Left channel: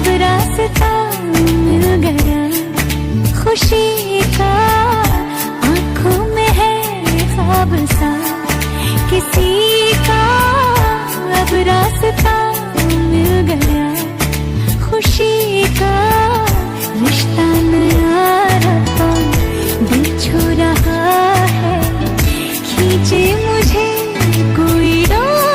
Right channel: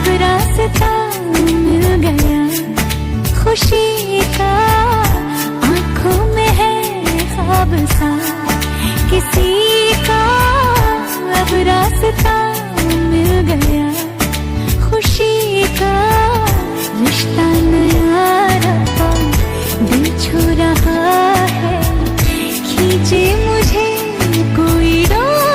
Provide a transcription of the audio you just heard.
अब रास्ता मिल गया खुशी का, आंखों में है ख्वाब सा किसी का। अब रास्ता मिल गया खुशी का, रिश्ता नया रब्बा दिल छू रहा है, खींचे मुझे कोई डोर।